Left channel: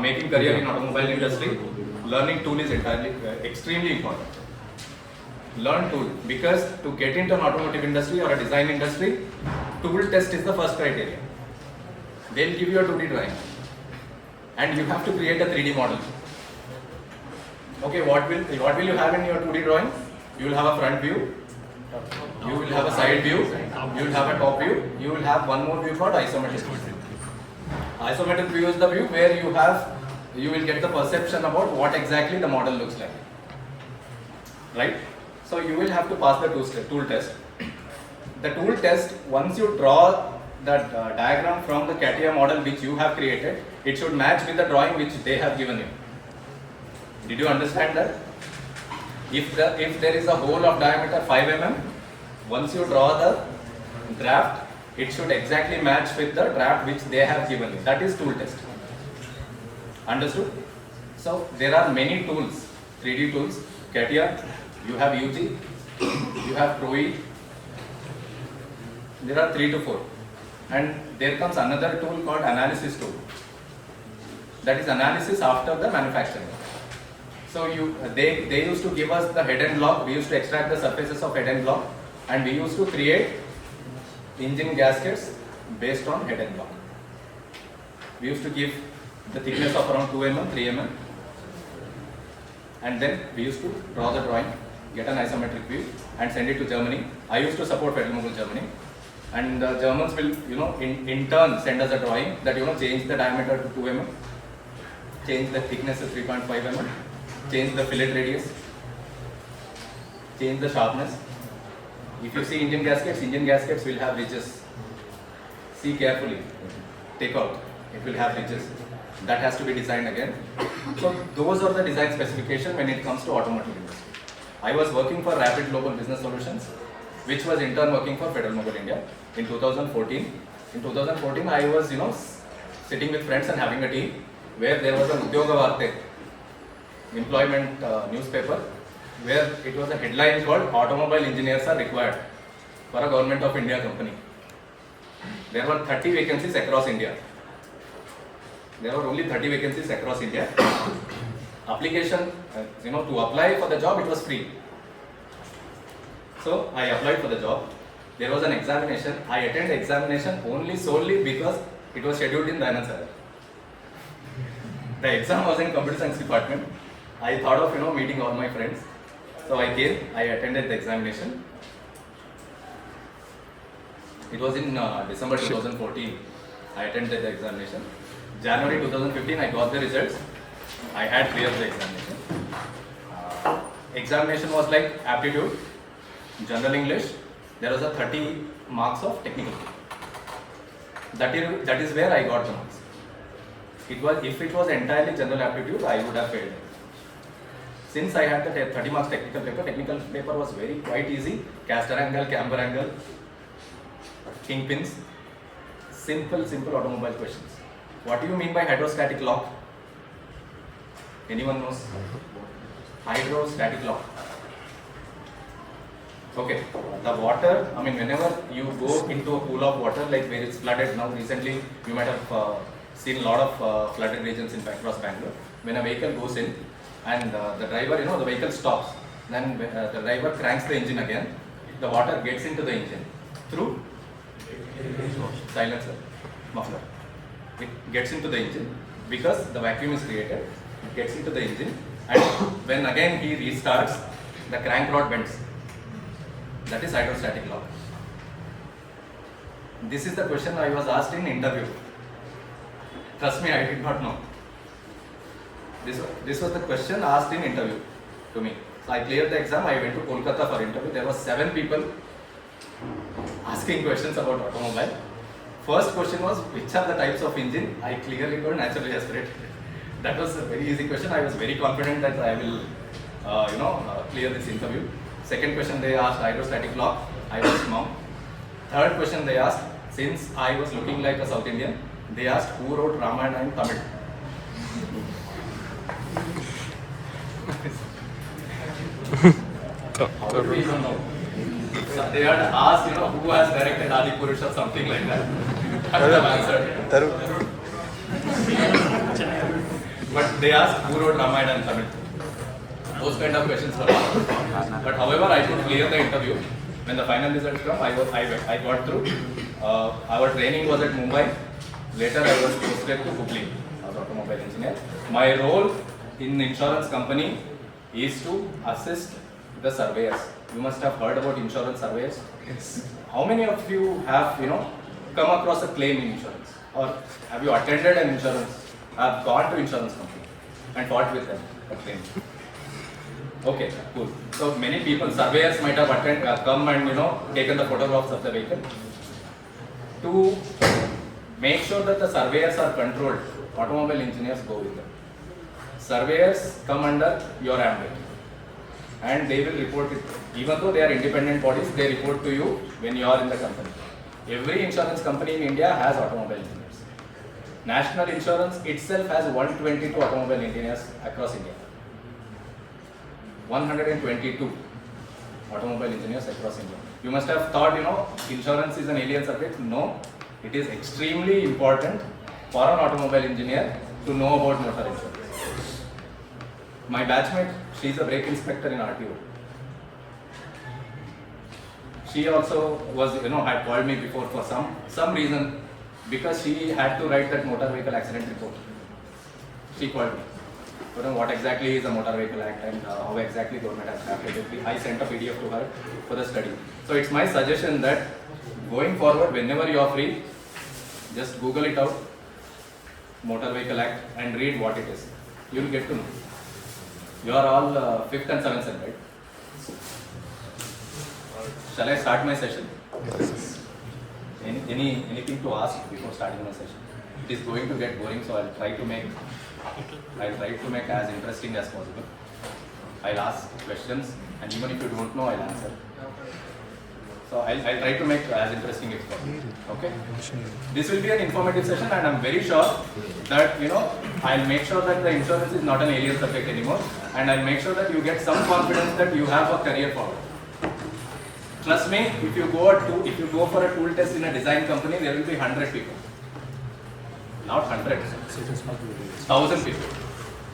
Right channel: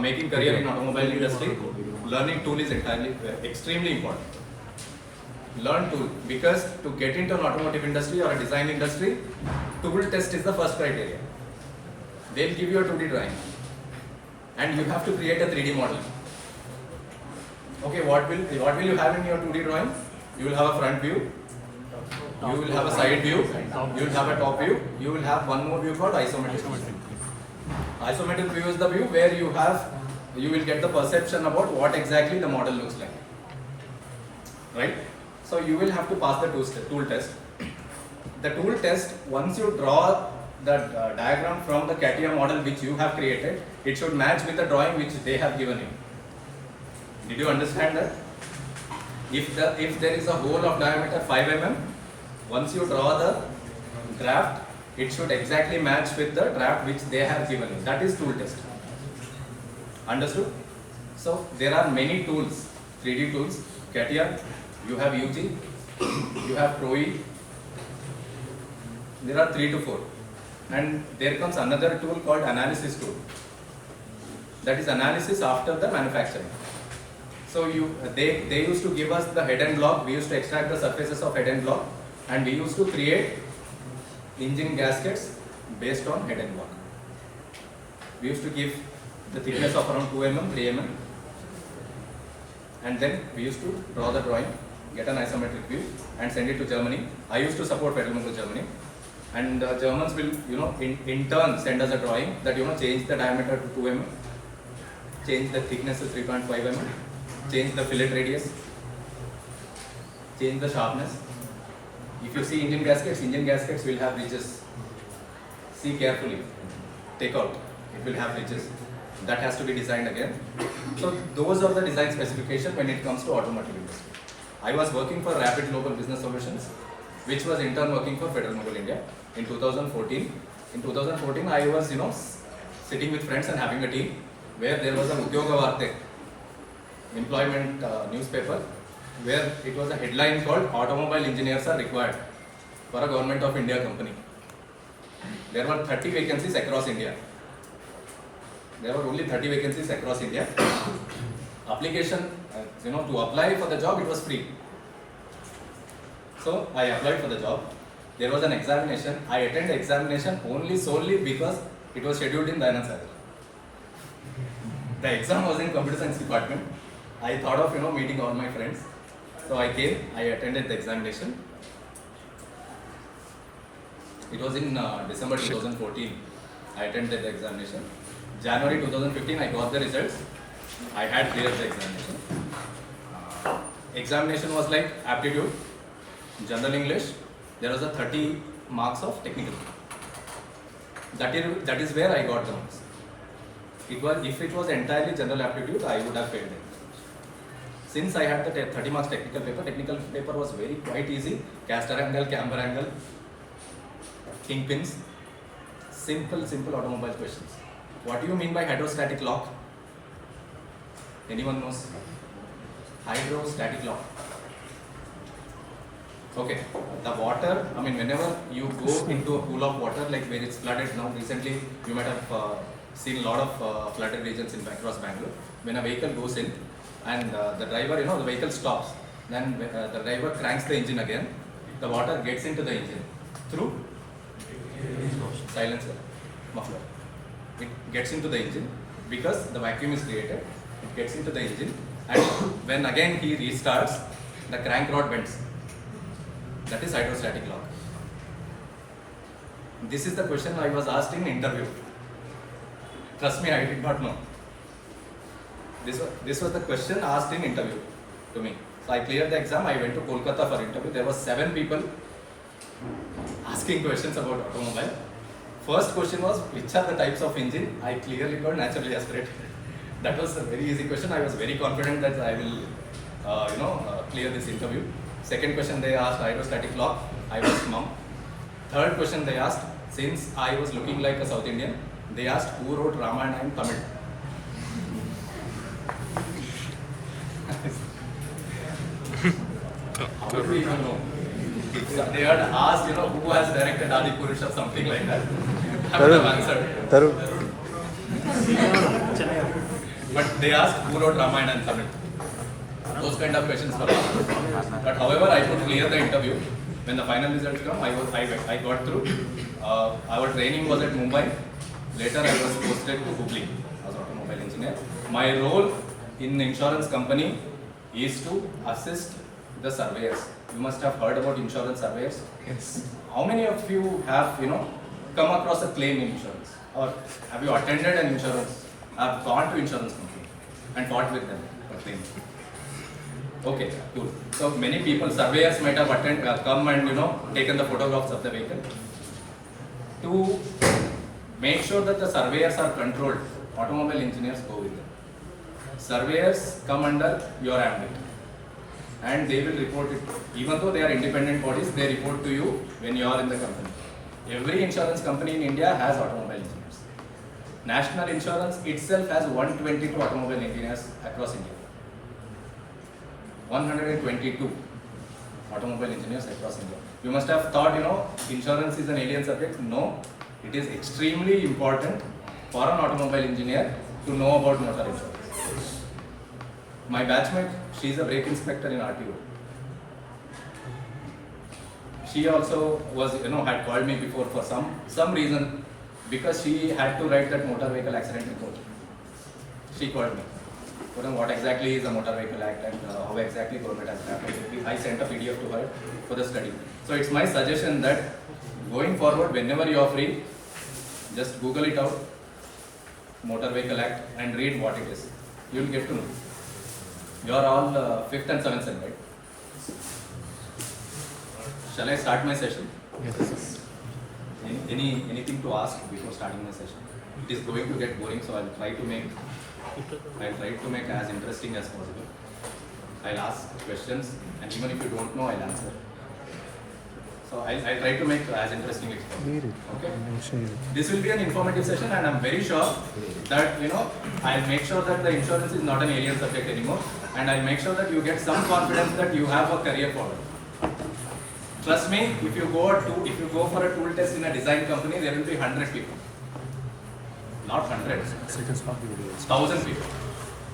making career in automobile industry, learning tool is extremely important. Learn tool, because to get into an automotive industry or a design industry, tool test is the first criteria. They'll give you a 2D drawing and you have to create a 3D model. Okay, what will you have in your 2D drawing? You will have a front view, you will have a side view, you will have a top view, you will have one more view called isometric view. Isometric view is the view where you will get the perception about what exactly the model looks like. Right? So you will have to pass the tool test. The tool test, once you draw the diagram from the CATIA model which you have created, it should match with the drawing which they have given you. Did you understand that? If there is a hole of diameter 5 mm, once you draw the draft, it should exactly match with the draft which they have given you. That is tool test. Understood? So there are many tools, 3D tools, CATIA, you have UG, you have ProE, there are 3 to 4. And there comes another tool called analysis tool. That is analysis after the manufacturing. So they used to give us the head and block, we used to extract the surfaces of head and block, and we used to create engine gaskets based on head and block. We used to give the thickness of around 2 mm, 3 mm, and then we used to draw the drawing, get an isometric view and send it to Germany. I used to support Federal Germany, and the Germans will in turn send us a drawing that change the diameter to 2 mm, change the thickness to 3.5 mm, change the fillet radius, change the sharpness. If you see engine gaskets will have ridges. See carefully, take out, it will have ridges. That has to be designed again. So those are the design specifications when it comes to automotive industry. I was working for Rapid Global Business Solutions, which was in turn working for Federal Mobile India in 2014. In 2014, I was sitting with friends and having a tea where there was a Udyoga Varte, employment newspaper, where it was a headline called "Automobile Engineers are required for a Government of India company." There were 30 vacancies across India. There were only 30 vacancies across India. Application, to apply for the job, it was free. So I applied for the job. There was an examination. I attended the examination solely because it was scheduled in Dayanand Sagar. The exam was in computer science department. I thought of meeting all my friends. So I came, I attended the examination. It was in December 2014. I attended the examination. January 2015, I got the results. I had cleared the examination. Examination was like aptitude, general English. There was a 30 marks of technical. That is where I got the marks. If it was entirely general aptitude, I would have failed. Since I had the 30 marks technical paper was quite easy. Caster angle, camber angle, kingpins, simple automobile questions. What do you mean by hydrostatic lock? Anyone knows? Hydrostatic lock. Okay, the water, whenever you go into a pool of water, like where it's flooded now, recently you might have seen a lot of flooded regions across Bangalore. When a vehicle goes in and the driver, the vehicle stops, then the driver cranks the engine again, the water gets into the engine through silencer, muffler. It gets into the engine because the vacuum is created, it gets into the engine, and when again he restarts, the crank rod bends. That is hydrostatic lock. This is the question I was asked in interview. Trust me, I did not know. This was the question asked in interview to me. So I cleared the exam, I went to Kolkata for interview. There were 7 people asking questions about automobile. First question was, which are the types of engine? I clearly told naturally aspirate. That was a very easy question. I was very confident that I will clear this interview. Second question they asked hydrostatic lock. I was mum. Third question they asked, since I was looking like a South Indian, they asked who wrote Ramayana in Tamil. How do we even know? So they had asked, who has directed Adi Purush or something like that. I would have answered. But they ask who wrote Ramayana and Tamil. Those kind of questions were asked. But however, I could clear the interview. When the final results come, I got through. Our training was at Mumbai. Later, I was posted to Hubli as automobile engineer. My role in the insurance company is to assist the surveyors. You must have heard about insurance surveyors. Yes. How many of you have come across a claim in insurance, or have you attended an insurance? Have gone to insurance company and fought with them a claim? Okay, cool. So many people, surveyors might have come and taken the photographs of the vehicle. To make sure that the surveyors are controlled, automobile engineers go with them. Surveyors come under your ambit and they will report it. Even though they are independent bodies, they report to you when you are in the company. Every insurance company in India has automobile engineers. National Insurance itself has 122 automobile engineers across India. 122 automobile engineers across India. You must have thought, insurance is an alien subject. No, it is extremely important for an automobile engineer to know about motor insurance. My batchmate, she is a brake inspector in RTO. She also was, had called me before for some reason, because she had to write that motor vehicle accident report. She called me. What exactly is the Motor Vehicle Act and how exactly government has drafted it. I sent a PDF to her for the study. So it's my suggestion that going forward, whenever you are free, just Google it out, Motor Vehicle Act, and read what it is. You will get to know. You are all 5th and 7th sem, right? Shall I start my session? Yes. Anything to ask before starting my session? It is going to get boring, so I'll try to make as interesting as possible. I'll ask questions, and even if you don't know, I'll answer. So I'll try to make as interesting as possible. Okay? This will be an informative session, and I'm very sure that I'll make sure that the insurance is not an alien subject anymore, and I'll make sure that you get some confidence that you have a career forward. Trust me, if you go for a tool test in a design company, there will be 100 people. Not hundreds, 1,000 people.